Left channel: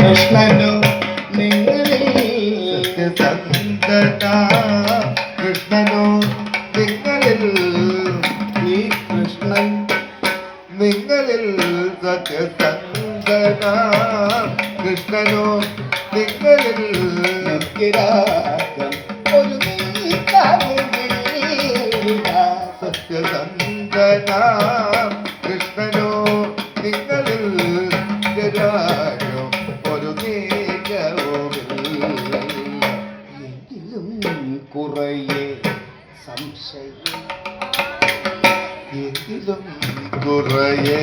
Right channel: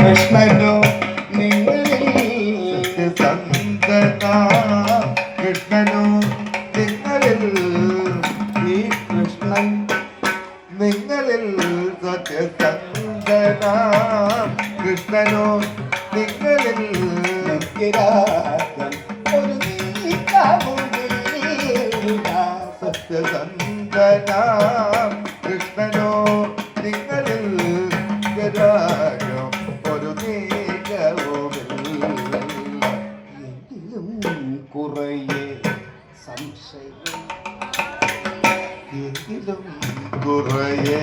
കൃഷ്ണനോ നിങ്ങളിൽ സത്യസന്ധന കൃഷ്ണനോ നിങ്ങളിൽ ഈ കൃഷ്ണൻ നിങ്ങളിൽ സത്യസന്ധന കൃഷ്ണനോ നിങ്ങളിൽ നിത്യരാഗം ഒരു സത്യസന്ധന കൃഷ്ണനോ നിങ്ങളിൽ രാഗം ഒരു എങ്കിലും കുറയെ സംശയം എങ്കിലും കുറയെ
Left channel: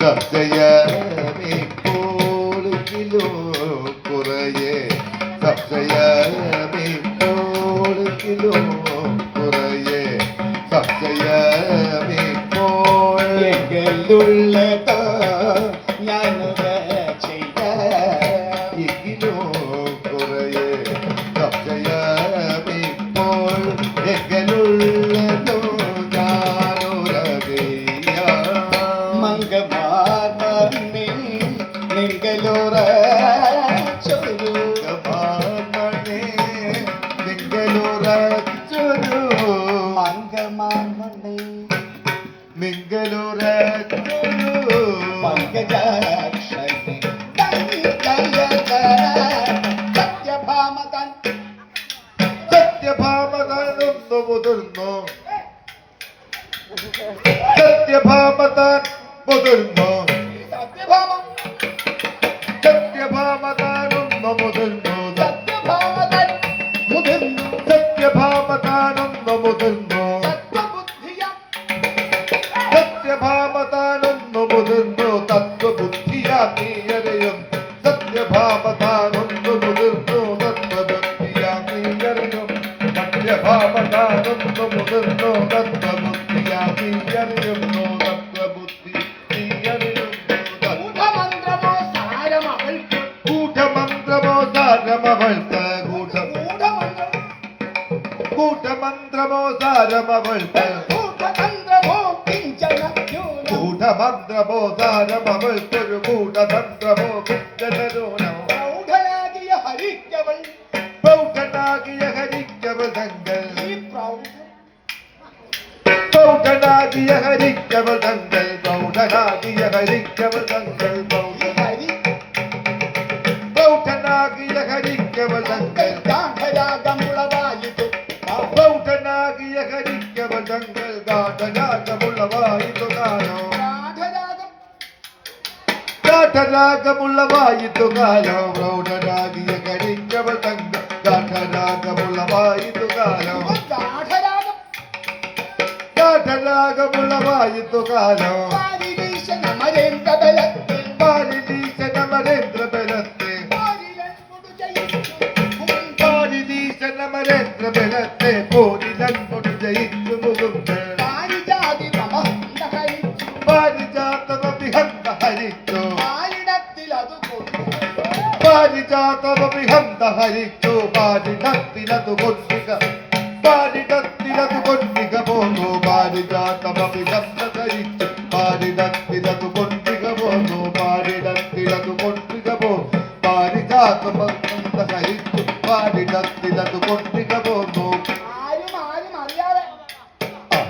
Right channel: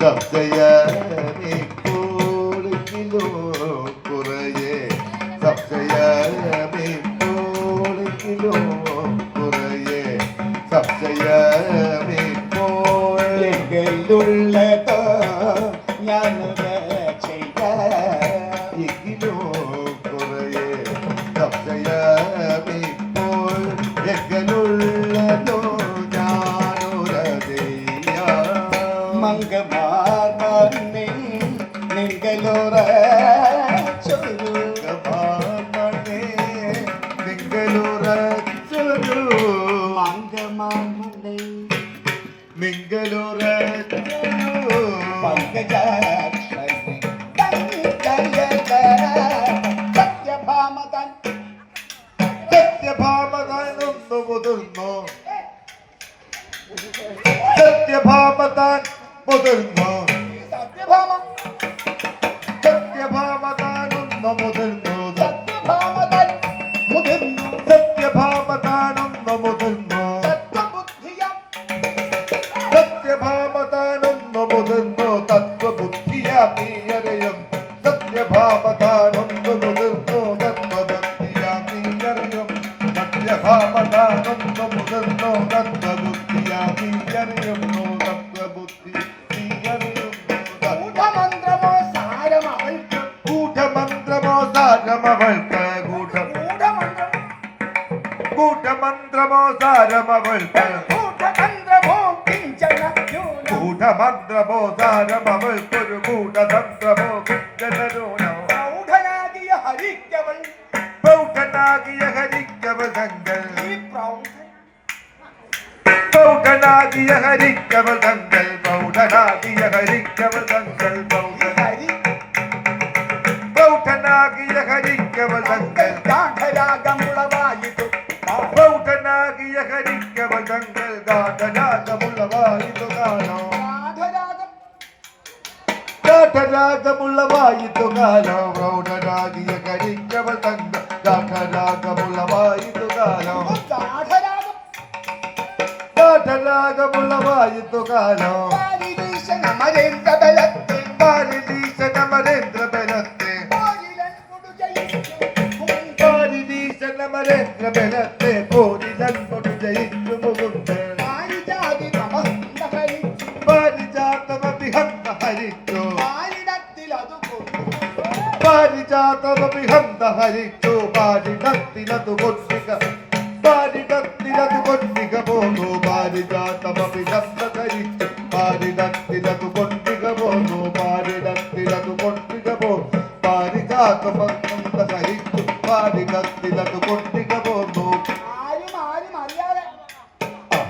സംശയമേപ്പോലെങ്കിലോ കുറയെ സംശയമേപ്പോലെങ്കിലോ കുറയെ സംശയമേപ്പോലെങ്കിലുള്ളത് ഞാനത് ചെയ്യാമെങ്കിലോ കുറയെ സംശയമേപ്പോൾ എങ്കിലുള്ളതോ മംഗമാർമേ നിങ്ങളോറ ചൊരുമാർമേ നിങ്ങളോറ ചൊരു മംഗമാർമേ നിങ്ങളോറ ചൊരു പങ്കജാക്ഷരേ സത്യഭാമതൻ സത്യഭാമതനൊന്നു മുതിർന്നോ സത്യഭാമതൻ മുതിർന്നോ സത്യഭാമതാനൊന്നു മുതിർന്നു സത്യഭാമതാനൊന്നു മുതിർന്നു സത്യഭാമതാനൊന്നു മുതിർന്നു തത്വബുദ്ധിയാമീയരയും സത്യഭാമതാനൊന്നു മുതിർന്നു തത്വബുദ്ധിയാമീയരയും സത്യഭാമതാനൊന്നു മുതിർന്നു തത്വബുദ്ധിയാമീയരയും കൂട്ടമന്ത്രമോ സാരമവൾക്ക് കൂട്ടമന്ത്രമോ സാരമവൾക്കൊരു കൂട്ടതന്ത്രമോ കിഞ്ചനൂനോ പ്രൗഢനാകിയ ഹരിക്കവൾ തങ്ങൾ പ്രൗഢനാകിയ ഹരിക്കവൾ തങ്ങൾ പ്രൗഢനാകിയ ഹരിക്കവൾ തങ്ങൾ പ്രൗഢനാകിയ ഹരിക്കവൾ തങ്ങൾ ഗാഠരാഗമുളവായിതു പ്രൗഢനാകിയ ഹരിക്കവൾ തങ്ങൾ ഗാഠരാഗമുളവായിതു കാലോ ഗാഠരാഗമുളവായിതു കാലോ പ്രൗഢനാകിയ ഹരിക്കവൾ തങ്ങൾ ഗാഠരാഗമുളവായിതു കാലോ ഗാഠരാഗമുളവായിതു കാലോ പാരിദീശനമരേന്ദ്ര ബലത്തെ പാരിദീശനമരേന്ദ്ര ബലത്തെ പാരിദീശനമരേന്ദ്ര ബലത്തെ പോരിതൻ കൊടു ജയിച്ചു മുകുന്ദേ പാരിജാതമഭിഹന്ത ഹരിച്ചു പാരിജാതമഭിഹന്ത ഹരിച്ചു പാരിടത്തിലതു കൊന്നിക പാരിടത്തിലതു കൊന്നിക പോന്നു പാരിജാതമഭിഹന്ത ഹരിച്ചു പാരിടത്തിലതു കൊന്നിക പോന്നു പാരിടത്തിലതു കൊന്നിക പോന്നു പാരിജാതമഭിഹന്ത ഹരിച്ചു പാരിടത്തിലതു കൊന്നിക പോന്നു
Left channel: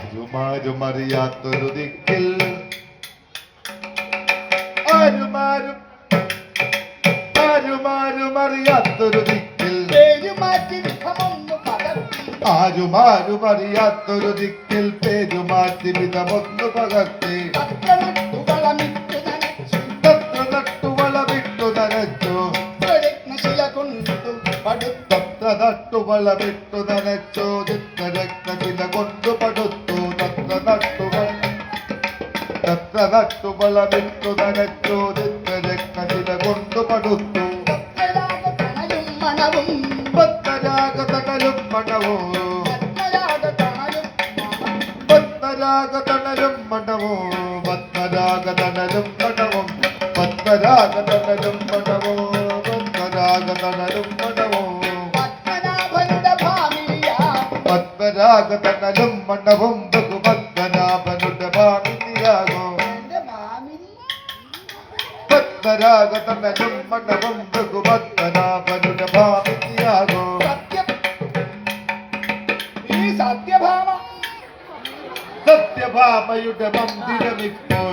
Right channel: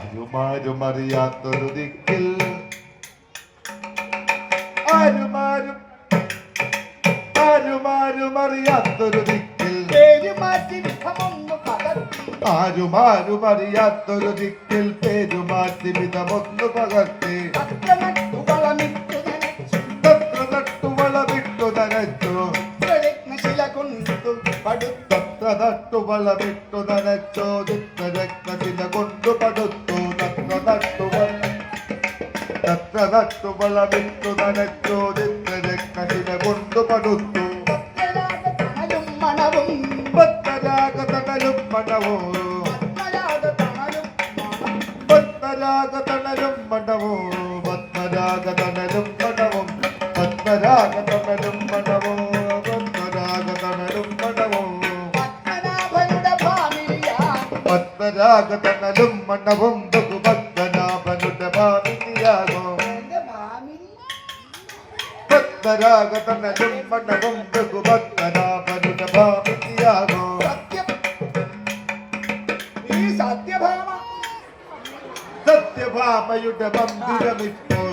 ആരുമാരും അറിയാത്തൊരു ദിക്കിൽ ആരുമാരും അറിയാത്തൊരു ദിക്കിൽ ആരുമാരും അറിയാത്തൊരു ദിക്കിൽ പേരുമാറ്റി വിധമൊന്നു പകർത്തി തത്ര നട്ടുവളമിട്ടു നനച്ചു തത്ര നട്ടുവളമിട്ടു നനച്ചോ ചിത്രരക്തശില കൊണ്ടു പടുത്തു തത്ര നട്ടുവളമിട്ടു നനച്ചോ ചിത്രരക്തശില കൊണ്ടു പടുത്തു പത്മരാഗതണലും മണവും പത്മരാഗതണലും മണവും പത്മരാഗതണലും മണവും പത്മരാഗതണലും മണവും പത്മരാഗതണലും മണവും പത്മരാഗതണലും മണവും ബഹുപത്മനാഭനുടെ മാമിനിയാകോ പത്മരാഗതണലും മണവും സത്യഭാമിയാകും ഈ സത്യഭാമ സത്യഭാമയുടെ മന്ദിരമിപ്പോൾ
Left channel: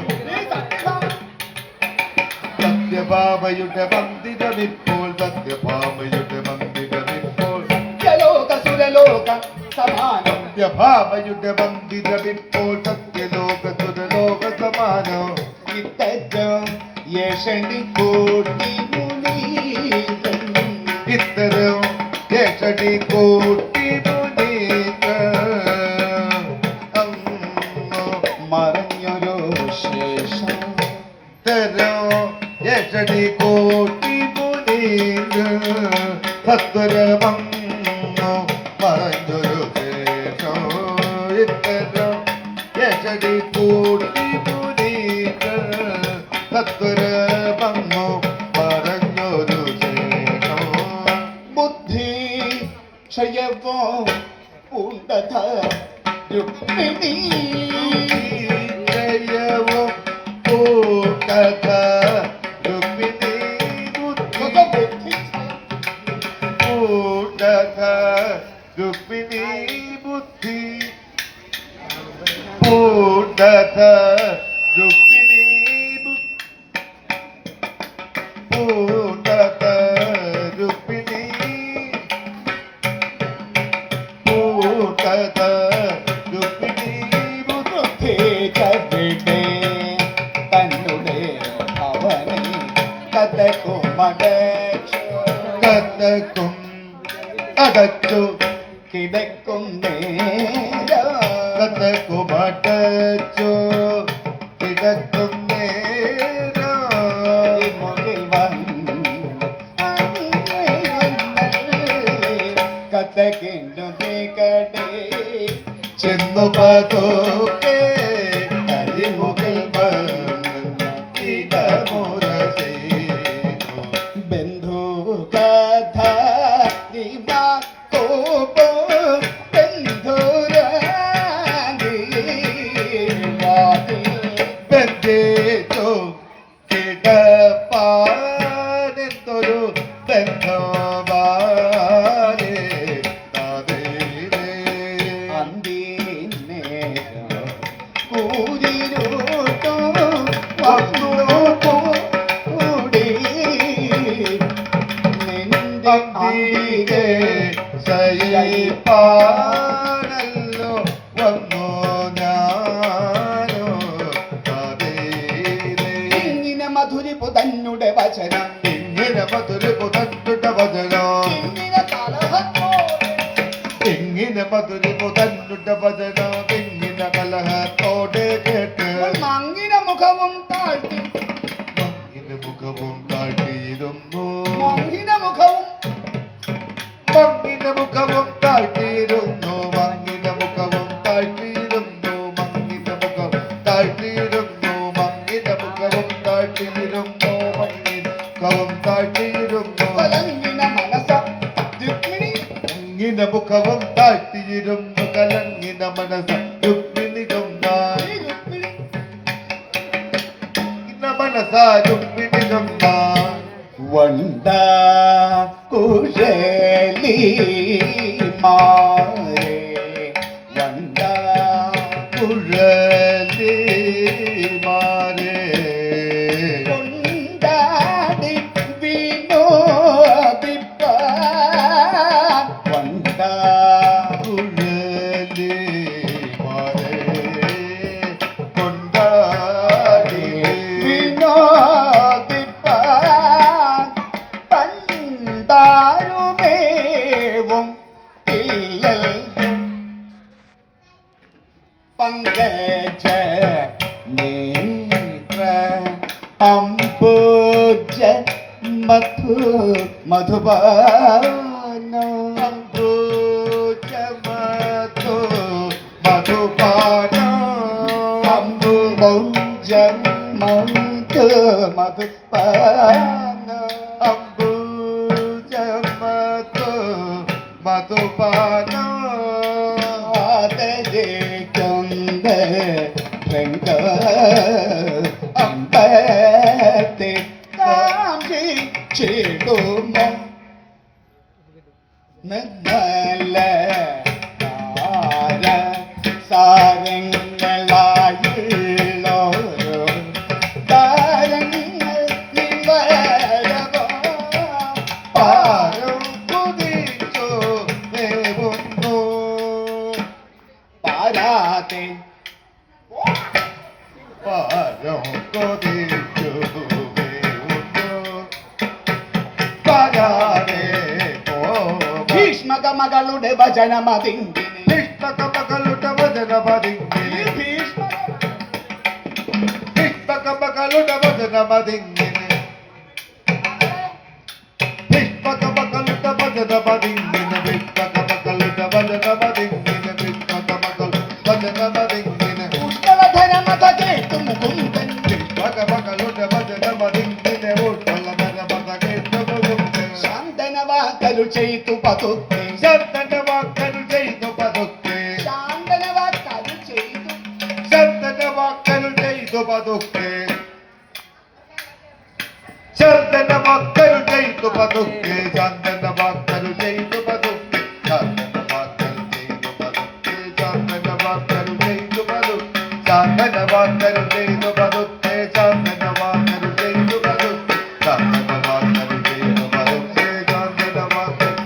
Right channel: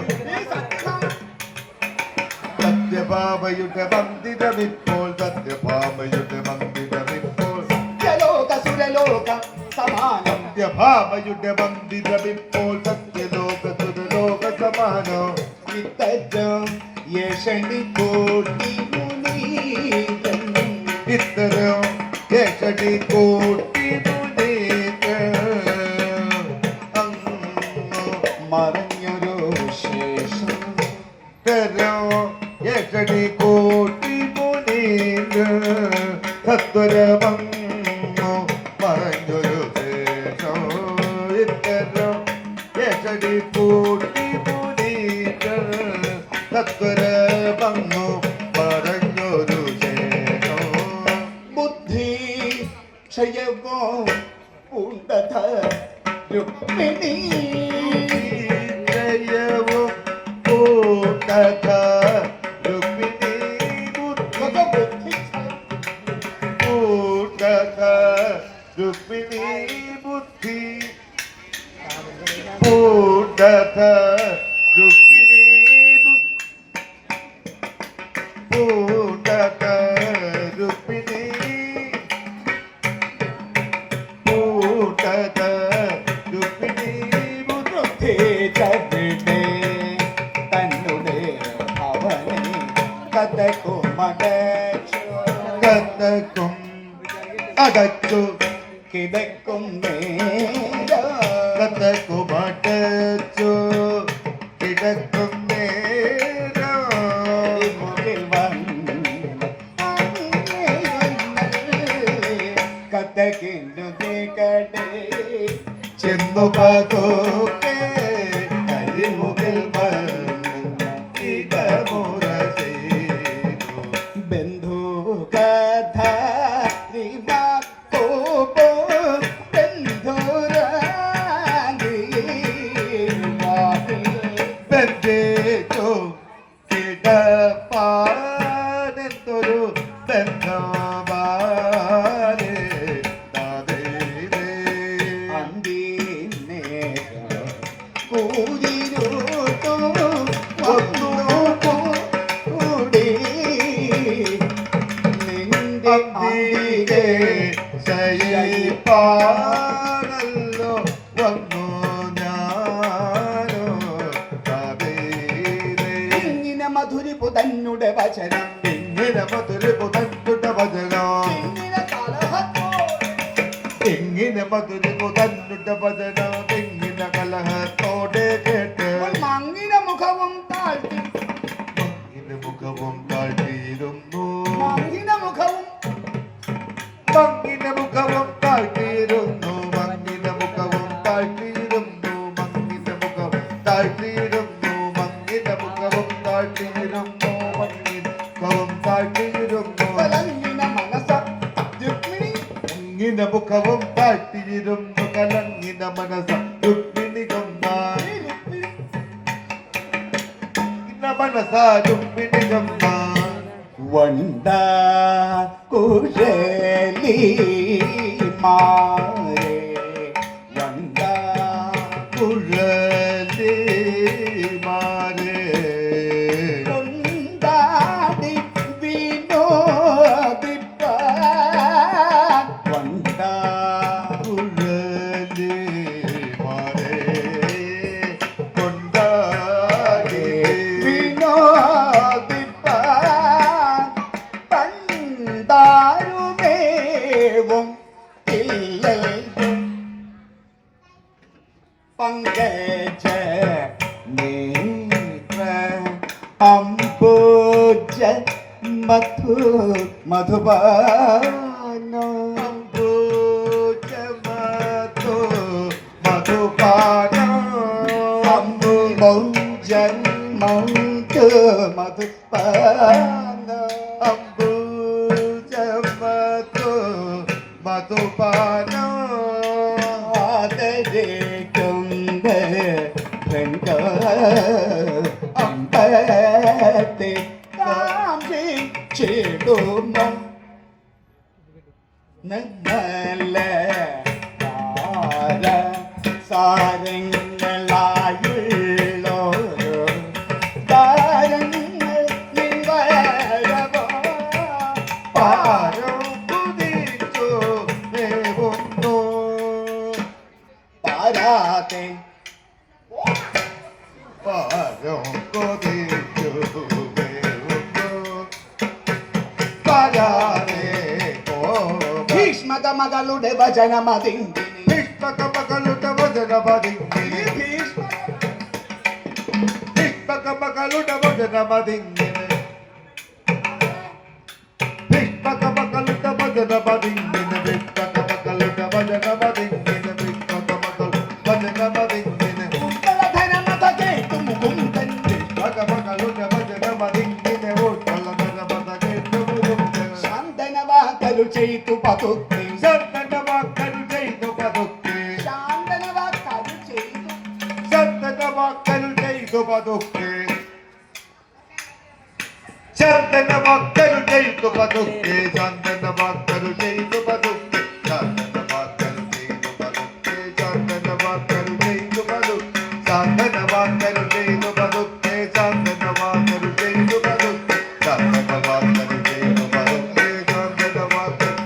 സത്യഭാമയുടെ മന്ദിരമിപ്പോൾ സത്യഭാമയുടെ മന്ദിരമിപ്പോൾ ലോക സുരലോക സമാനം സത്യഭാമയുടെ മന്ദിരമിപ്പോൾ സത്യലോക സുരലോക സമാനോ ഇത്തരം യേശണി കോടി ഇത്തരം യേശണി കോടി മറഞ്ഞൊരു ശേഷം യക്ഷണി കോട്ടി മുനീന്ദ്ര സത്വരമങ്ങോ മറഞ്ഞൊരു ശേഷം ഇത്തരം യക്ഷണി കോട്ടി മുനീന്ദ്ര സത്വരമങ്ങോ മറഞ്ഞൊരു ശേഷം ബുദ്ധി ക്ഷയവോ പൂണ്ടത രുക്മിണി രുക്മിണീ ബുദ്ധി പൂർണ്ണത രുക്മിണീ പൂർണ്ണത രുക്മിണീ പൂർണ്ണത രുക്മിണീ ബുദ്ധി ചവിടേ തന്നുടേ അവനെ കഥക്കും കഥക്കും അടച്ചു കിടക്കും കഥക്കുമടച്ചു കിടക്കും മുകിൽ വന്നു കഥകിന്നു കടേ ചെന്നു പതോക്കെ അരിമുകിൽ ബന്ധു കഥ കോപോ ബന്ധേതോ കിടപ്പാനെന്തൊരു ബന്ധവാനേ തതേരേ അന്തിനേരം കൂരിരുട്ടോ വന്നു കൂടി നിന്റെ അന്തികെ ശയിപ്പാനല്ലോ വന്നു ഞാനോ തതേരേ ഇങ്ങനെ മധുരിപ്പു തന്നുടെ വചനം ഇങ്ങനെ മധുരിപ്പു തന്നുടെ വചനം ഇങ്ങനെ കലഹത്തോ ഇങ്ങനെ മധുരിപ്പു തന്നുടെ വചനം ഇങ്ങനെ കലഹത്തോടെ കേട്ട് മങ്ങിന മുഖവും താഴ്ത്തി മങ്ങിന മുഖവും താഴ്ത്തിയിരുന്നു മങ്ങിന മുഖവും മങ്ങിന മുഖവും താഴ്ത്തിയിരുന്നു മങ്ങിന മുഖവും താഴ്ത്തിയിരുന്നു മങ്ങിന മുഖവും താഴ്ത്തിയിരുന്നു മങ്ങിന മുഖവും താഴ്ത്തിയിരുന്നു മങ്ങിന മുഖവും താഴ്ത്തിയിരുന്നു കലങ്ങിന മനസ്സ രുക്മിണി മങ്ങിന മുഖവും താഴ്ത്തിയിരുന്നു കലങ്ങിന മനസ്സ രുക്മിണി ഗംഗായി മനസ്സ രുക്മിണി ഗംഗായി വണ്ട കുഴലി മാരേ വണ്ട കുഴലി മാരേ കൊണ്ടാടി വിനോദിപ്പാൻ വണ്ട കുഴലി മാരേ കൊണ്ടാടി വിനോദിപ്പാൻ പണ്ടാരുമേവും ഇല്ലല്ലും പങ്കജ നേത്ര അംബുജ മധു മധുപാനോ അംബുജമതു മധുപാനോ അംബുജം മധു മധുപാനോ അംബുജമതു മധുപാനോ ആദരേ കൊണ്ട രംഗ അമ്പത്തെ കാഞ്ചി ചേടുമോ നല്ല സാരങ്ങളായുള്ളോരോ താരങ്ങൾ നിവരവോ പാരം കുതിച്ചു വേവുന്നു പാരാതെ പാരം കുതിച്ചു വേവുന്നു പാരാതെ ഭീഷ്മക മകളുടെ ഭജനമതിന്തിന് ഭീഷ്മകമകളുടെ വചനമതിങ്ങിനെ ഭീഷ്മകമകളുടെ വചനമതിങ്ങിനെ ഭീഷ്മകമകളുടെ വചനമതിങ്ങിനെ ഭീഷ്മകമകളുടെ വചനമതിങ്ങിനെ ഭീഷ്മകമകൾ വചനമതിങ്ങിനെ ഉഷ്ണധനമത കേട്ടു മുകുന്ദൻ ഭീഷ്മകമകളുടെ വചനമതിങ്ങിനെ ഉൾക്കൊള്ളധനമത കേട്ടുമുണ്ട് ശാന്തനവാക്കരു ചെയ്തു പതുക്കെ ശബ്ദന്റെ വാക്കൽ ചെയ്തു പതുക്കെ ശാന്തനവാക്കരു ചെയ്തു ശബ്ദന്റെ വാക്കൽ ചെയ്തു പതുക്കെ ശബ്ദന്റെ വാക്കൽ ചെയ്തു പതുക്കെ ശബ്ദന്റെ വാക്കൽ ചെയ്തു പതുക്കെ ശബ്ദന്റെ വാക്കൽ ചെയ്തു പതുക്കെ ശബ്ദന്റെ വാക്കൽ ചെയ്തു പതുക്കെ ശബ്ദന്റെ വാക്കൽ ചെയ്തു പതുക്കെ ശബ്ദന്റെ വാക്കൽ ചെയ്തു പതുക്കെ ശബ്ദന്റെ വാക്കൽ ചെയ്തു പതുക്കെ ശബ്ദന്റെ വാക്കൽ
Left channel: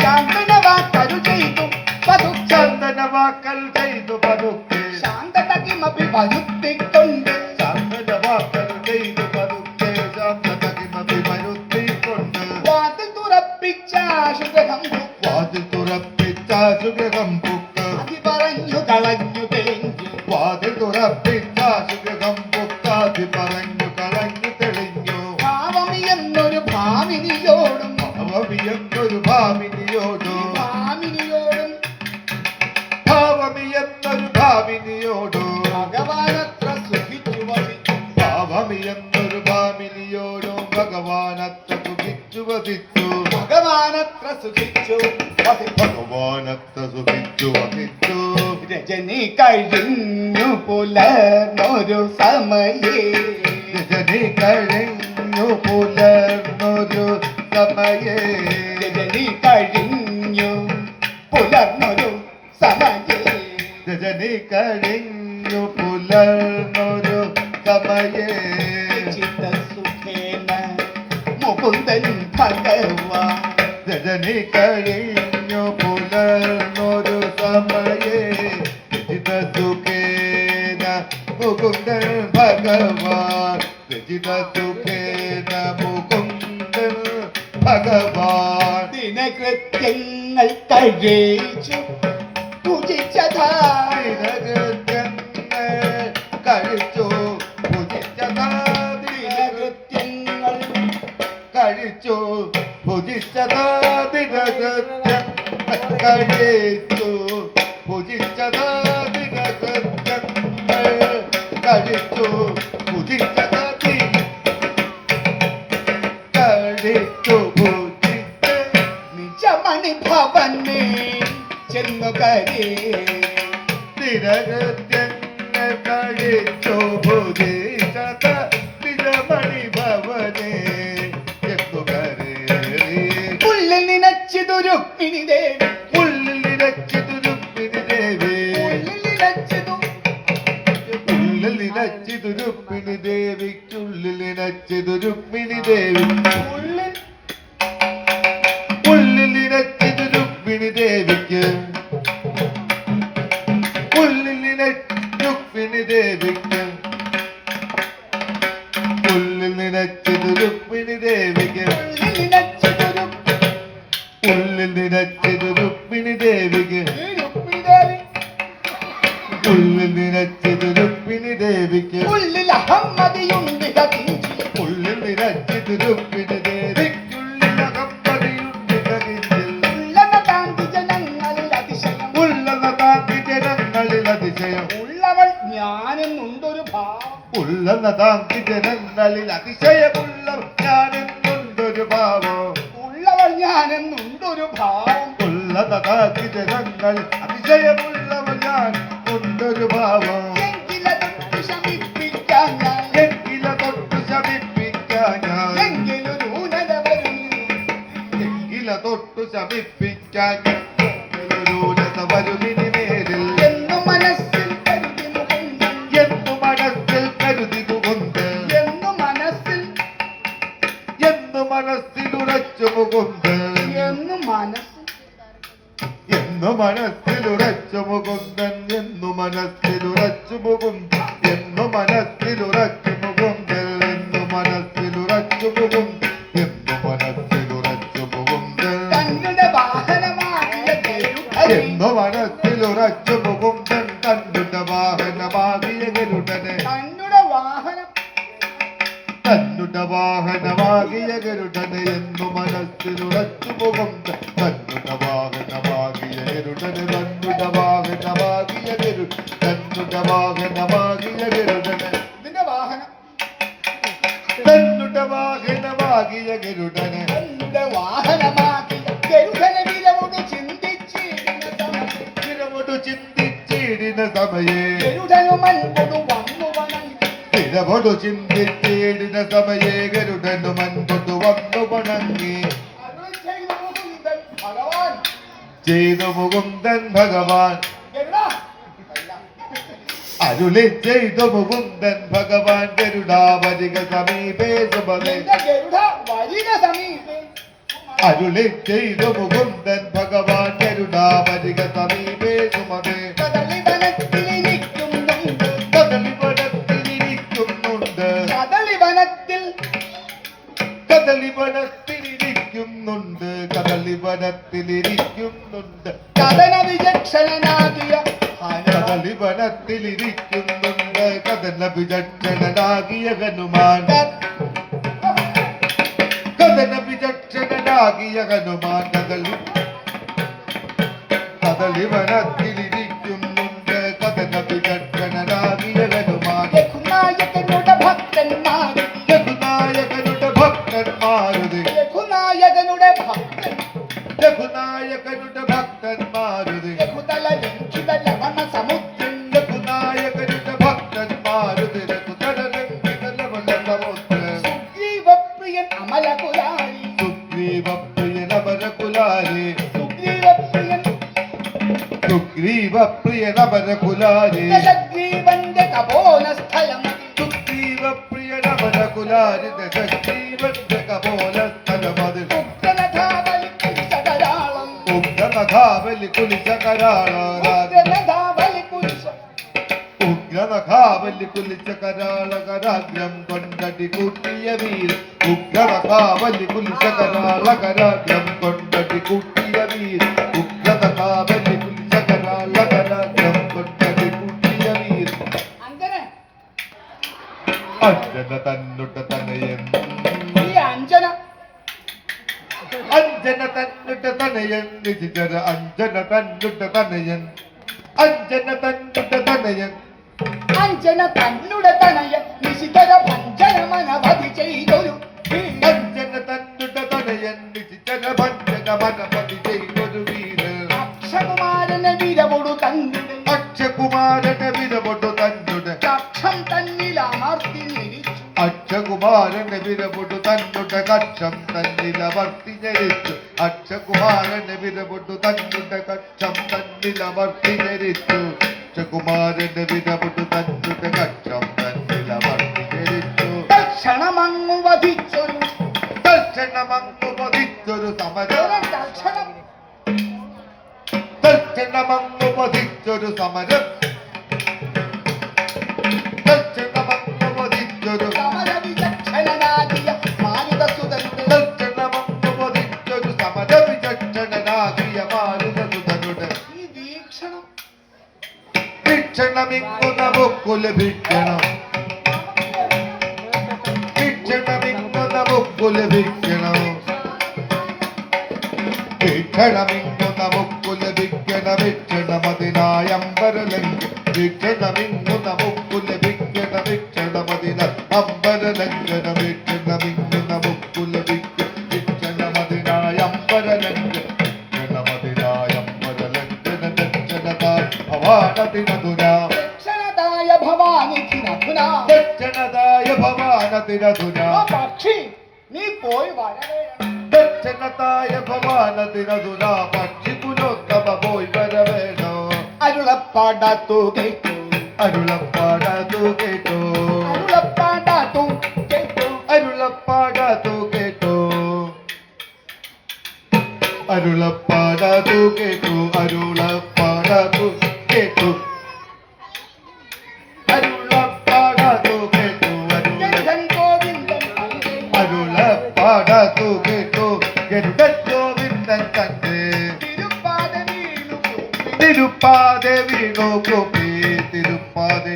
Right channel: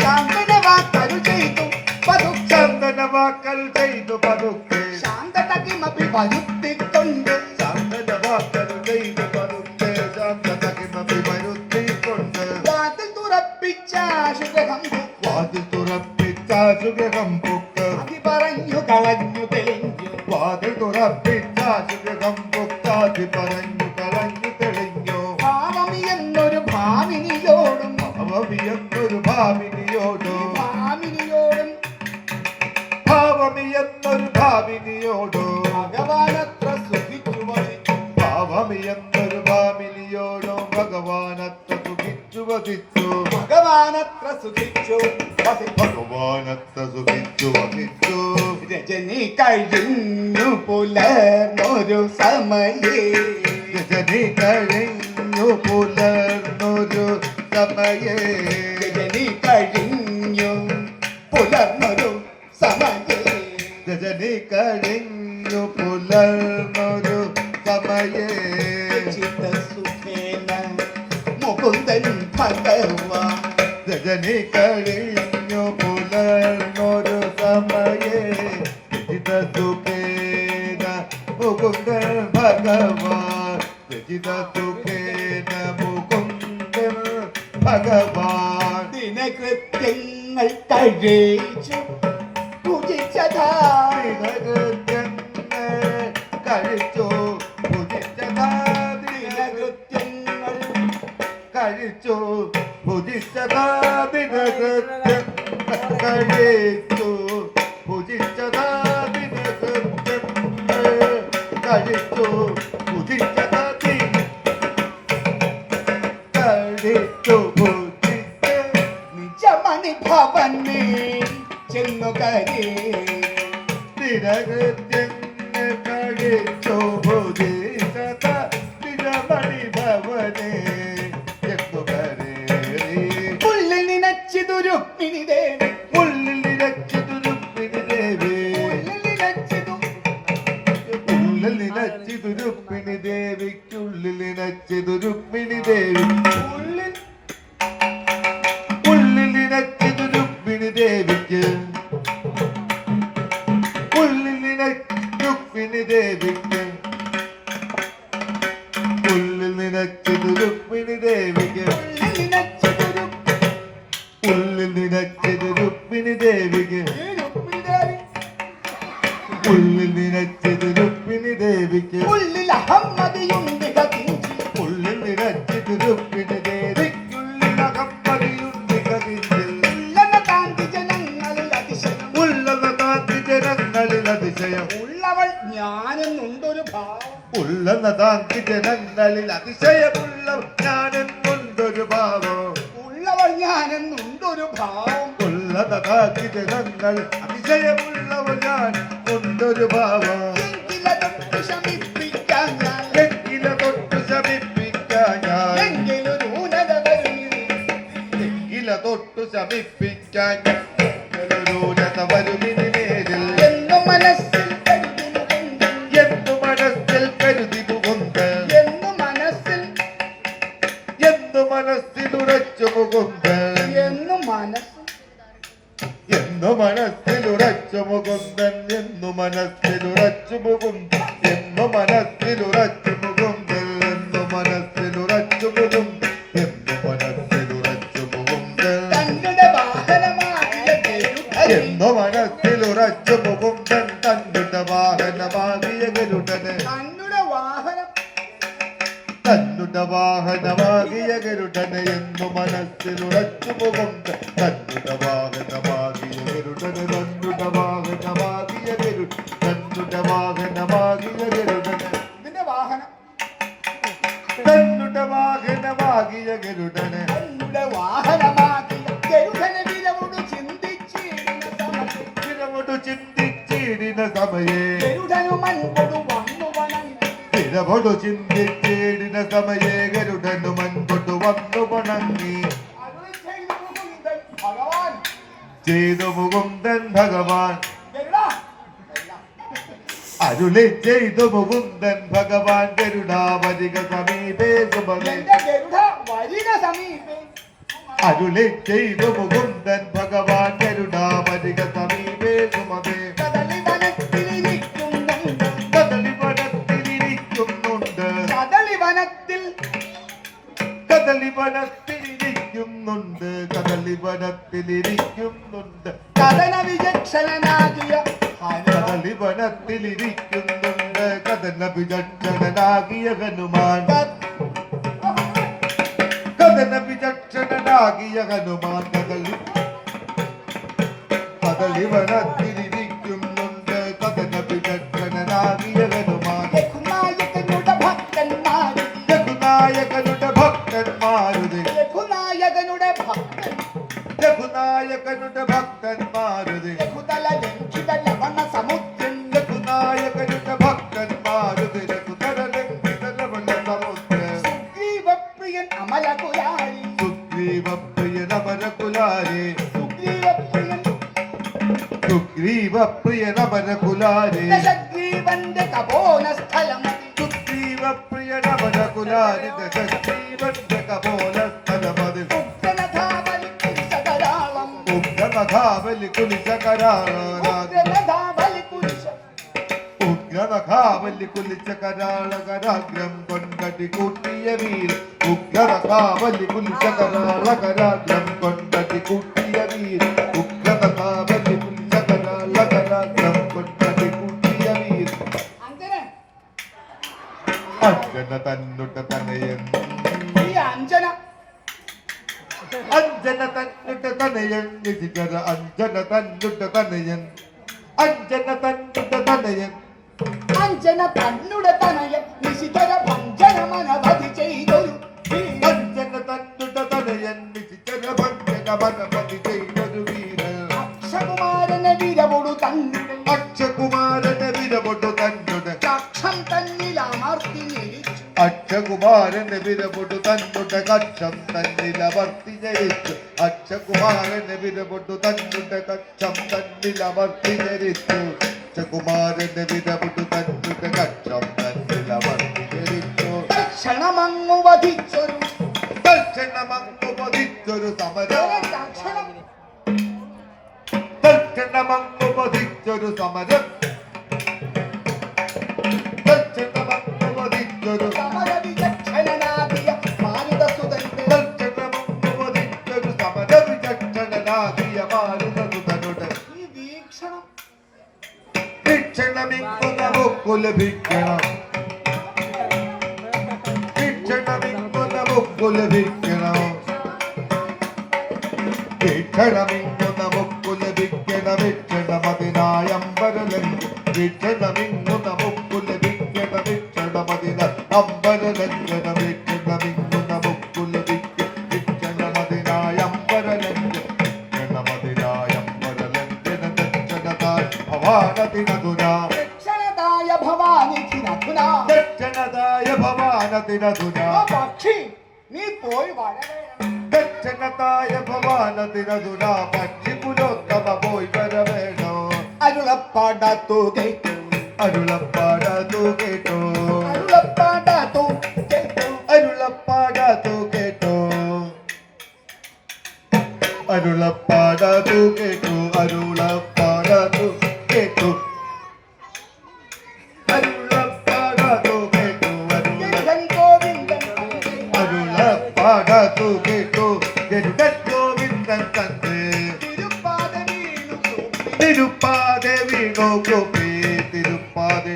ശാന്തനവാക്കരു ചെയ്തു പതുക്കെ ചന്ദനവാക്കൽ ചെയ്തു പതുക്കെ ശാന്തതകിമപി വരുത്തിക്കൊണ്ട് ചന്ദനവാക്കൽ ചെയ്തു പതുക്കെ ശാന്തതകിമപി വരുത്തിക്കൊണ്ട് വാതിൽ തുറപ്പിച്ച ശുഗ്രഹം വാതിൽ തുറപ്പിച്ച സുഗ്രഹം പുക്ക് അതി പറഞ്ഞു കളഞ്ഞു തെളിഞ്ഞു വാതിൽ തുറപ്പിച്ച സുഗ്രഹം പുക്കാതി പറഞ്ഞു കളഞ്ഞു തെളിഞ്ഞു ഭാവമി എന്നൊരു ഭാമിനിയോടും അവവിയെന്നൊരു ഭാവിനിയോടു ഭാമിനിയോടും ഭാവമിയെന്നൊരു ഭാവിനിയോടു ഭഗവാനത്ര സുഖിച്ചു വസിച്ചു ഭാവമിയെന്നൊരു ഭാമിനിയോടു ഭഗവാനത്ര സുഖിച്ചു വസിച്ചു ഭഗവാനത്ര സുഖിച്ചു വസിച്ചു ഭഗവാനത്ര സുഖിച്ചു വസിച്ചു രജനി കഴിഞ്ഞു പുലർന്നൊരു സമയേ രജനി കഴിഞ്ഞു പുലർന്നൊരു സമയേ രജനി കഴിഞ്ഞു പുലർന്നൊരു സമയേ രജനി കഴിഞ്ഞു പുലർന്നൊരു സമയേ ചിത്തസുഖേന മുകുന്ദൻ ഭഗവാൻ രജനി കഴിഞ്ഞു പുലർന്നൊരു സമയേ സുഖേന മുകുന്ദൻ ഭഗവാൻ സുഖേന മുകുന്ദൻ ഭഗവാൻ ദിനകൃത്യങ്ങൾ കഴിച്ചു പൂജിച്ചതായി കഴിച്ചു ദിനകൃത്യങ്ങൾ കഴിച്ചു ഭുജിച്ചതാദിനകൃത്യം കഴിച്ചു ഭുജിച്ചതാദിനകൃത്യം കഴിച്ചു ഭുജിച്ചതാദി കഴിച്ചു ഭുജിച്ച നിജമണി ഭവനേ ചെന്നു കരേ ദിനകൃത്യങ്ങൾ കഴിച്ചു ഭുജിച്ചതാദിനമണി ഭവനേ എന്നു കരേറി ഉള്ളിൽ നിനച്ചിതൊരു പിണിദേവി ഉള്ളിലിരച്ചിതു രുക്മിണി ദേവി ഉള്ളിൽ നിനച്ചിതു ഉള്ളിലിരച്ചിതു രുക്മിണി ദേവിക്കുള്ളിലിരച്ചിതു രുക്മിണി ദേവി ഉള്ളിൽ ഉള്ളിലിരച്ചിതു രുക്മിണി ദേവിക്ക് രുക്മിണി ദേവിക്ക് ഉള്ളിലിരച്ചിതു രുക്മിണി ദേവിക്ക് ഉള്ളിൽ നിനച്ചിതൊരു ഉള്ളിലിരച്ചിതു രുക്മിണി ദേവിക്ക് രുക്മിണിദേവി ഉള്ളിലിരച്ചിതു രുക്മിണി ദേവിക്ക് ഉള്ളിൽ അഹമ്മദിയുണ്ട് കത്തിഞ്ചി ഉള്ളിൽ നിരച്ചിതു രുക്മിണി ദേവിക്കുള്ളിലകമ്പടിയുണ്ട് കതിരിൽ ഉള്ളന കാന്തി ജനങ്ങളിൽ അതിശയം ഉള്ളവ താങ്കി ജനങ്ങളിൽ അതിശയം ഉള്ളവൾ ഞാനെന്നുണ്ടൊരു ഭാവം ഉള്ളവ താങ്കി ജനങ്ങളിൽ അതിശയമുള്ള ഞാനെന്നുണ്ടൊരു ഭാവോ ഉള്ളവൾ ഞാനെന്നുണ്ടൊരു ഭാവം ഉള്ളവ താങ്കി ജനങ്ങളിൽ അതിശയമുള്ളവ ഞാൻ ഉണ്ടൊരു ഭാവോ എങ്കിലതൊട്ട് ശമിപ്പിക്കാൻ ഞാൻ എങ്കില തൊട്ട് ശമിപ്പിക്കാൻ ഞാൻ എങ്കിലൊരു ഊനത ശമിപ്പിക്കാൻ വരുതിനി നേരിൽ എന്നു മനസ്സിൽ കരുതി മുകുന്ദൻ എന്നു മനസ്സിൽ കരുതി മുകുന്ദ എന്നു മനസ്സിൽ എന്നു മനസ്സിലുറച്ചു മുകുന്ദ എന്നു മനസ്സിൽ എന്നു മനസ്സിലുറച്ചു മുകുന്ദൻ എന്നു മനസ്സിലുറച്ചു മുകുന്ദൻ എന്നു മനസ്സിലുറച്ചു മുകുന്ദൻ എന്നു മനസ്സിലുറച്ചു മുകുന്ദൻ എന്നു മനസ്സിലുറച്ചു മുകുന്ദൻ തങ്ങളുടെ വാഹനമായ ഗരുഡൻ എന്നു മനസ്സിലുറച്ചു മുകുന്ദൻ തന്നുടെ വാഹനമാകിയ ഗരുഡനെ തങ്ങളുടെ വാഹനം തന്നുടെ വാഹനമാകിയ ഗരുഡനെ എന്നു മനസ്സിലുറച്ചു മുകുന്ദൻ തന്നുടെ വാഹനമാകിയ ഗരുഡനെ തന്നുടെ വാഹനമാകിയ ഗരുഡൻ തന്നുടെ വാഹനമാകിയ ഗരുഡനെ ഇതിന്റെ വാഹനം തന്നുടെ വാഹനമാകിയ ഗരുഡനെ തങ്ങളുടെ വാഹനമാക്കി ഗരുഡനെ വിലവോട് ചിന്തിച്ചിരുന്ന സമയം ചിരമൊടു ചിന്തിച്ചിടിന സമയേ ഗരുഡനുമൻ കൊടു വന്നു വണങ്ങി ചിരമൊടു ചിന്തിച്ചിടിന സമയേ ഗരുഡനു മൻകൊടു വന്നു വണങ്ങി അരുളി ചെയ്തു മുകുന്ദൻ ഭഗവാൻ ചെയ്തു മുകുന്ദൻ ഭഗവാൻ ഗരുഡാ അരുളി ചെയ്തു മുകുന്ദൻ ഭഗവാൻ ഗരുഡാവരിക സമീപേ സുമതേ എന്റെ ഗരുഡ വരിക സമീപേ അരുളി ചെയ്തു മുകുന്ദൻ ഭഗവാൻ ഗരുഡാവരിക സമീപേ സുമതേ കദളി വനത്തിലിരിക്കുന്നുണ്ട് കദളി വനത്തിലിരിക്കുന്നുണ്ട് കദളി വനത്തിൽ കദളി വനത്തിലിരിക്കുന്നുണ്ട് കദളി വനത്തിലിരിക്കുന്നുണ്ട് കഥന വിചക്ഷണനാകിയ കദളി വനത്തിലിരിക്കുന്നുണ്ട് കദന വിചക്ഷണനാകിയ ഹനുമാൻ കദന വിചക്ഷണനാകിയ ഹനുമാൻ കദളി വനത്തിലിരിക്കുന്നുണ്ട് കദന വിചക്ഷണനാകിയ ഹനുമാൻ രഘുനായകനുടെ ഭക്തന്മാര് രഘുനായകനുടെ ഭക്തന്മാരുത് രഘുനായകനുടെ ഭക്തൻ രഘുനായകനുടെ ഭക്തന്മാരുത് രഘുതല ലംഘിത ലവണ സമുദ്രം രഘുനായകനുടെ ഭക്തന്മാരുത് രഘുതരലംഘിതലവലസമുദ്ര സുഗ്രീവപ്രിയൻ അമലകുലാരി സുഗ്രീവപ്രിയനമരകുലാരേ സുഗ്രീവപ്രിയൻ സുഗ്രീവപ്രിയനമരകുലാരേ ദശഗ്രീവന്റെ കപോലസ്ഥലം സുഗ്രീവപ്രിയനമരകുലാരി ദശഗ്രീവന്റെ കപോലസ്ഥലമത് ഉഗ്രനധാബലി കുരിശകരാളം ഉഗ്രനഖാവലി കുലിശകരാള ഉഗ്രനധാബലി കുരിശ ഉഗ്രനഖാവലി കുലിശകരാളകരാഗ്രം കൊണ്ടടി കൂട്ടിയ വീര ഉഗ്രനഖാവലി കുലിശകരാളകരാഗ്രം കൊണ്ടടി കൂട്ടിയ വീര ഉഗ്രനഖാവലി കുലിശകരാളകരാഗ്രം കൊണ്ടടി കൂട്ടിയ വീര അങ്ങനെ അഞ്ജന തന്നുടെ തനയൻ ഈ അഞ്ജന അഞ്ജന തന്നുടെ തനയൻ നിശികര അഞ്ജന തന്നുടെ തനയൻ അഞ്ജന തന്നുടെ തനയൻ അഞ്ജന തന്നുടെ തനയം നിശിതര ഭഞ്ജനമനവധി ചെയ്തൊരു വീരൻ. അഞ്ജന തന്നുടെ തനയൻ നിശികര ഭഞ്ജന മനപതി ചെയ്തൊരു വീര അക്ഷകുമാരനെ വിരവൊടു തന്നുടെ അക്ഷകുമാരനെ വിരപൊട്ടു തന്നുടെ കക്ഷം തന്നിലാർത്തി നിരിച്ചു അക്ഷകുമാരനെ വിരപൊട്ടു തന്നുടെ കക്ഷം തന്നിലവർത്തി ജയിച്ചു അക്ഷകുമാരനെ വിരപൊട്ടു തന്നുടെ കക്ഷം തന്നിലവർത്തി ജയിച്ചു അക്ഷകുമാരനെ വിരപൊട്ടു തന്നുടെ കക്ഷം തന്നിലവർത്തി ജയിച്ചു തക്ഷണമങ്ങു വധിച്ചൊരു തൽക്ഷണമങ്ങു പതിച്ചൊരു സമരം തക്ഷണം തൽക്ഷണമങ്ങു പതിച്ചൊരു സമരം തൽക്ഷണമങ്ങു പതിച്ചൊരു സമരവിചക്ഷണനാകിയ മാരുതസുതനുടെ തൽക്ഷണമങ്ങു പതിച്ചൊരു സമരവിചക്ഷണനാകിയ മാരുതനുതനുടെ ഈ വീക്ഷണം വീക്ഷണമിങ്ങു നമുക്കു ലഭിക്കണം വീക്ഷണമിങ്ങു നമുക്കു ലഭിക്കണം വീക്ഷണമിങ്ങു നമുക്കു ലഭിക്കണം വീക്ഷണമതിനായ അമ്പരലങ്ക് വീക്ഷണമിങ്ങു നമുക്കു ലഭിക്കണം വീക്ഷണമതിന അമ്പരലങ്കന വീക്ഷണമിങ്ങു നമുക്കു ലഭിക്കണം വീക്ഷണമതിനായ അമ്പരലങ്ക് വീക്ഷണമതിനായ അമ്പരലങ്കന ദക്ഷണതാൽ ഭവാനതിനതുരാ ദക്ഷണതായ ഭവാനിധിനധുന ദക്ഷണതായ ഭവാനതിനതുരാ പക്ഷി നീ പോയി വരവേണം ദക്ഷ ദക്ഷണതായ ഭവാനതിനതുനാ പക്ഷിപുരോത്തമ പോയി വരവേണോ. അരുളപ്പാടാത്തു കേട്ടു അരുളപ്പാടതു കേട്ടോ അരുളപ്പാടാത്തു കേട്ടു അരുളപ്പാടതു കേട്ടോ അരുളപ്പാടതു കേട്ടു അരുളപ്പാടതു കേട്ടു അരുളപ്പാടതു കേട്ടു ജഗൻ ഗോവിന്ദൻ അരുളപ്പാടതു കേട്ടു ഗരുഡൻ ഗോവിന്ദൻ തന്റെ തിരുപ്പാദ വീണു തിരുപ്പാതെ വീണു കോപ്പി തിരുപ്പാതെ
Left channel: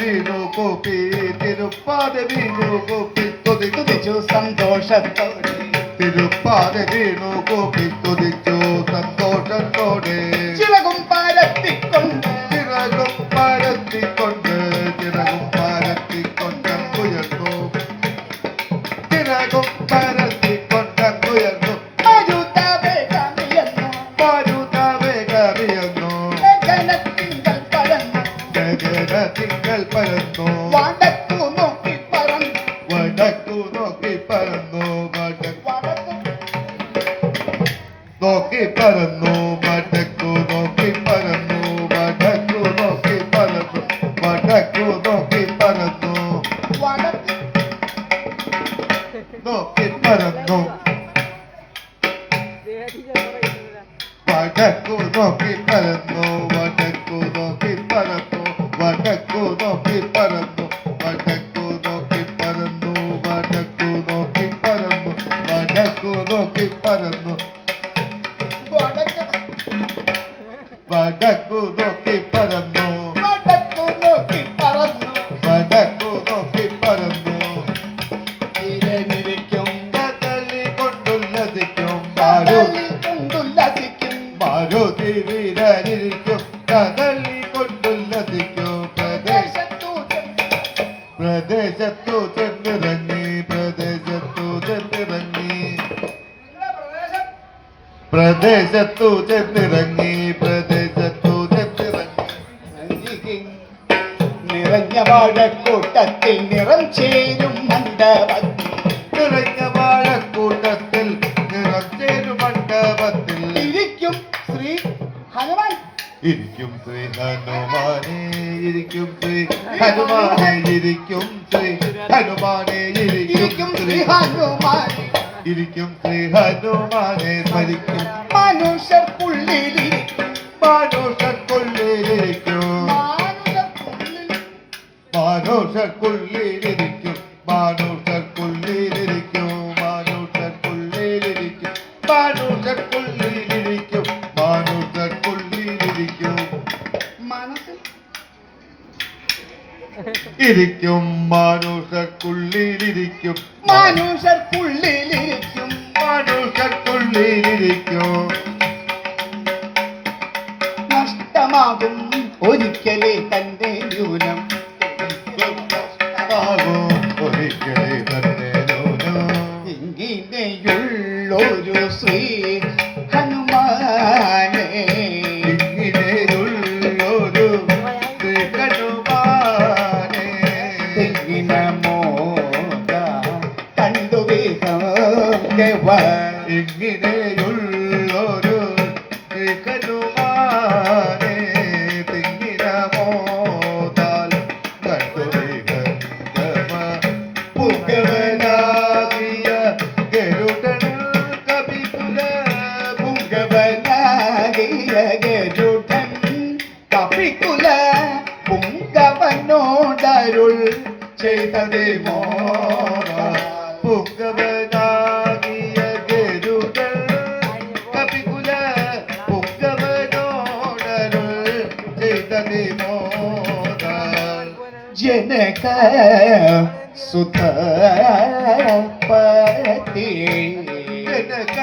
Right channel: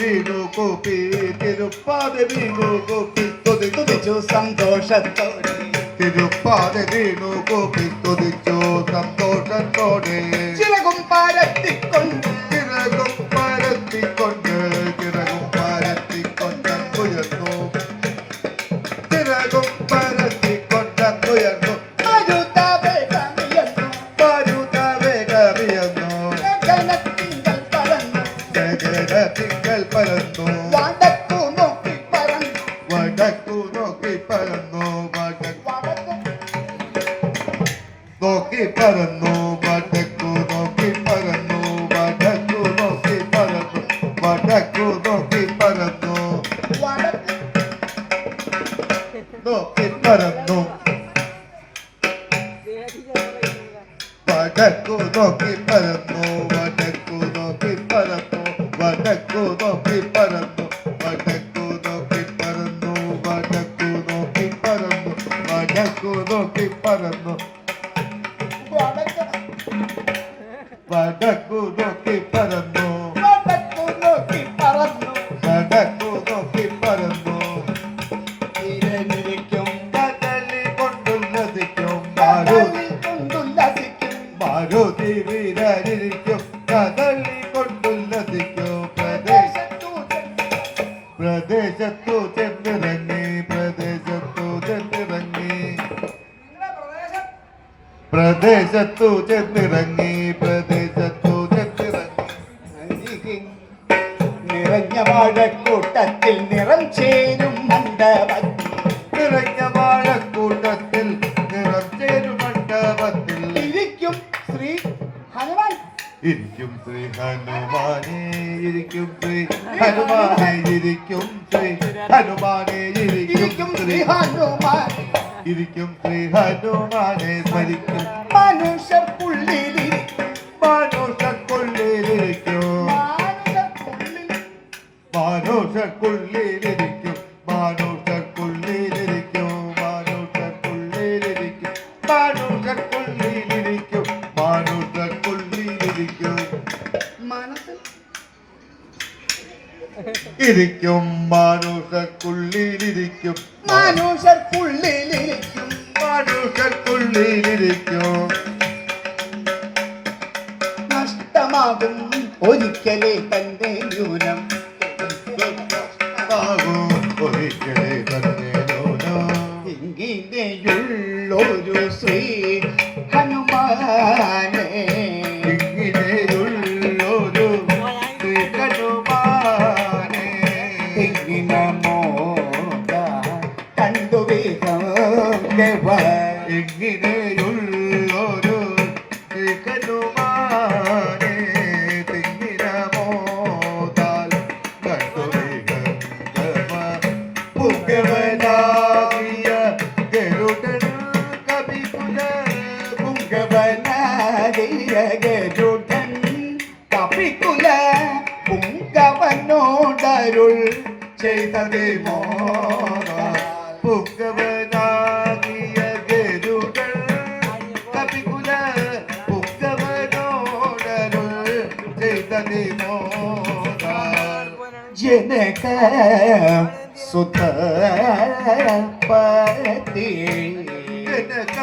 വീണു കോപ്പി തിരുപ്പാതെ വീണു കോപ്പി തുതി തുതിച്ചു സന്തോഷത്തോടെ തിരുപ്പാതെ വീണു കോപ്പി തുതിച്ചു സന്തോഷത്തോടെ ചിറകും പാരത്തിക്കൊണ്ട് ചിറകും പരത്തിക്കൊണ്ട് ചിറകും പരത്തിക്കൊണ്ട് ഉയർന്നു ചിറകും പരത്തിക്കൊണ്ട് ഉയർന്നു മരുതവേഗമിയെന്നു പാരുതവേഗമിയെന്നു ഗഗനത്തിങ്കൽ പറന്നു തിങ്കൾ പരന്നു വടക്കു നോക്കി പറന്നു വടക്കു നോക്കി പരന്നു വടക്കു നോക്കി പരന്നു വടക്കു നോക്കി പരന്നു വടക്കു നോക്കി പരന്നു വടക്കു നോക്കി പരന്നു വടക്കു നോക്കി പരന്നു വടക്കു നോക്കി പരന്നു വടക്കു നോക്കി പരന്നു വടക്കു നോക്കി പരന്നു വടക്കു നോക്കി പരന്നു വടക്കു നോക്കി പരന്നു വടക്കു നോക്കി പരന്നു വടക്കു വടക്കു നോക്കി പരന്നു വടക്കു നോക്കി പറന്നു വടക്കു നോക്കി പരന്നു തിരനിരിക്കും കദളി കൊണ്ടുല്ലസിക്കും കദളി കൊണ്ടുല്ലസിക്കും മാരുതി വീരരിക്കും കദളി കൊണ്ടുല്ലസിക്കും പ്രദേശത്തു ചെന്നിറങ്ങി പ്രദേശത്തു ചെന്നിറങ്ങി പ്രദേശത്തു ചെന്നിറങ്ങി പ്രദേശത്തു ചെന്നിറങ്ങി നിറഞ്ഞ വാഴക്കൂട്ടത്തിൽ നിറം ചേരും മണ്ഡപത്തിൽ നിറഞ്ഞ വാഴക്കൂട്ടത്തിൽ നിറച്ചേരു മണ്ഡപത്തിൽ ഇരിക്കും ശ്രീ ഹനുമാൻ ഇരിക്കും ശ്രീ ഹനുമാനെ ഇരിക്കും ശ്രീ ഹനുമാനെ ഇരിക്കും ശ്രീ ഹനുമാനെ ഇരിക്കും ശ്രീ ഹനുമാൻ ഇരിക്കും ശ്രീ ഹനുമാനെ സ്മരിക്കും മനുഷ്യർക്കുള്ളിലിരിക്കും മാനുഷക്കുള്ളിലിരിക്കും മനുഷ്യർക്കുള്ളിൽ മാനുഷക്കുള്ളിലിരിക്കും മാനുഷക്കുള്ളിലിരിക്കും മാനുഷക്കുള്ളിലിരിക്കും മാനുഷക്കുള്ളിലിരിക്കും മനസ്സിൽ ഇരിക്കും മാനുഷക്കുള്ളിലിരിക്കും മനുഷ്യർക്കുള്ളിലിരിക്കും മാനുഷക്കുള്ളിലിരിക്കും നഷ്ടമാകും ഒരിക്കലേ തന്റെ ന്യൂനം ആകും ഒരിക്കലേ തന്നെ ഇങ്ങനെയുള്ളൊരു ശ്രീ ഹനുമാനെ ഇങ്ങനെയുള്ളൊരു ശ്രീ ഹനുമാനെ തെങ്ങിന മോദ കണ്ടു ഇങ്ങനെയുള്ളൊരു ശ്രീ ഹനുമാനെ തിങ്ങിന മോതാൽ പുകവനാകിയ ഗരുഡൻ കപികുല പുങ്കവനാകിയ ഗരുഡൻ കപികുല പുങ്കവനോടരുൾ ചെയ്തതേ മോദ പുകവനാകിയ ഗരുഡൻ കപികുല പുകവനോടരുൾ ചെയ്തതി മോദാൽ ജനക സുതപതി ജനക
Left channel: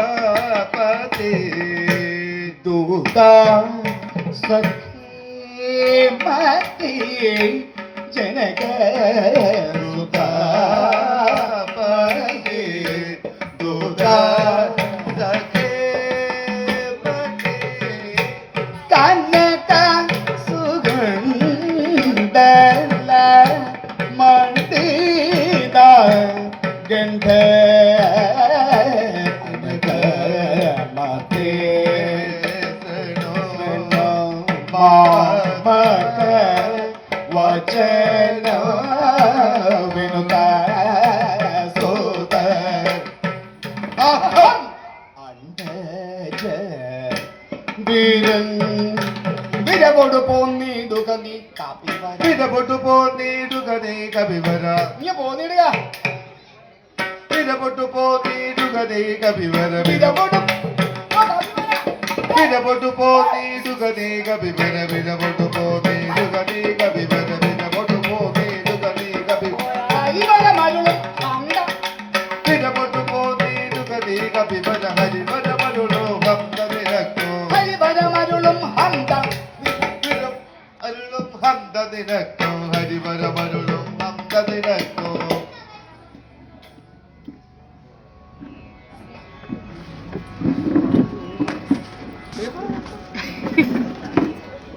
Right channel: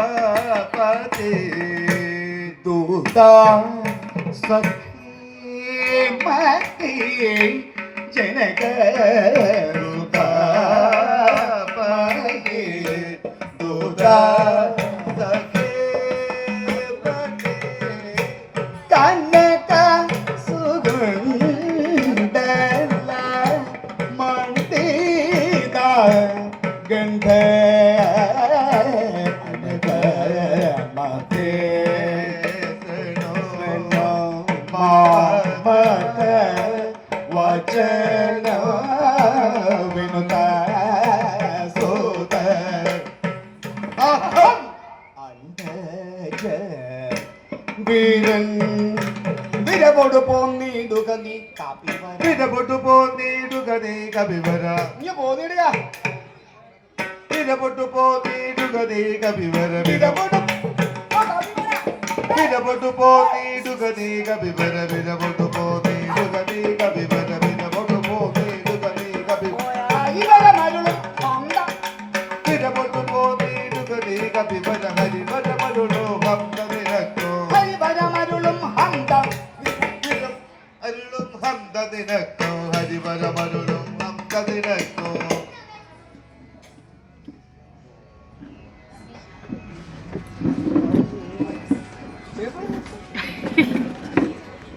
സുതാപതി ദൂത സഖീമതി ജനക സുതാപതി ദൂത സഖേപതി കനക സുഗന്ധല മണ്ഡിത ഗന്ധ അനക മതേ മാമക വചന വിനുത സോദ അന്തജ വീരൻ വിരവോട് പോന്നിടുക നീ കാപ്പിവര വിരപൊട്ടു പോന്നിടുക നീ കപിവര നീ പോന്നിടുക വിരപൊട്ടു പോന്നിടുക നീ കപിവര വിരവോട് വിരപൊട്ടു പോന്നിടുക നീ കപിവര വിരപൊട്ടു പോന്നിടുക നീ കപിവര വിരപൊട്ടു പോന്നിടുക നീ കപിവര ഹരിവര മരുളും അണ്ട വിരപൊട്ടു പോന്നിടുക നീ കപിവര ഹരിവര മരുളോ ഹംദനിനക്കോ ഹരിവര മരുളും ഹന്ത അരുളും ഹംദനിനക്കോ ഹരിവര മരുളും ഹംദനിനക്കോ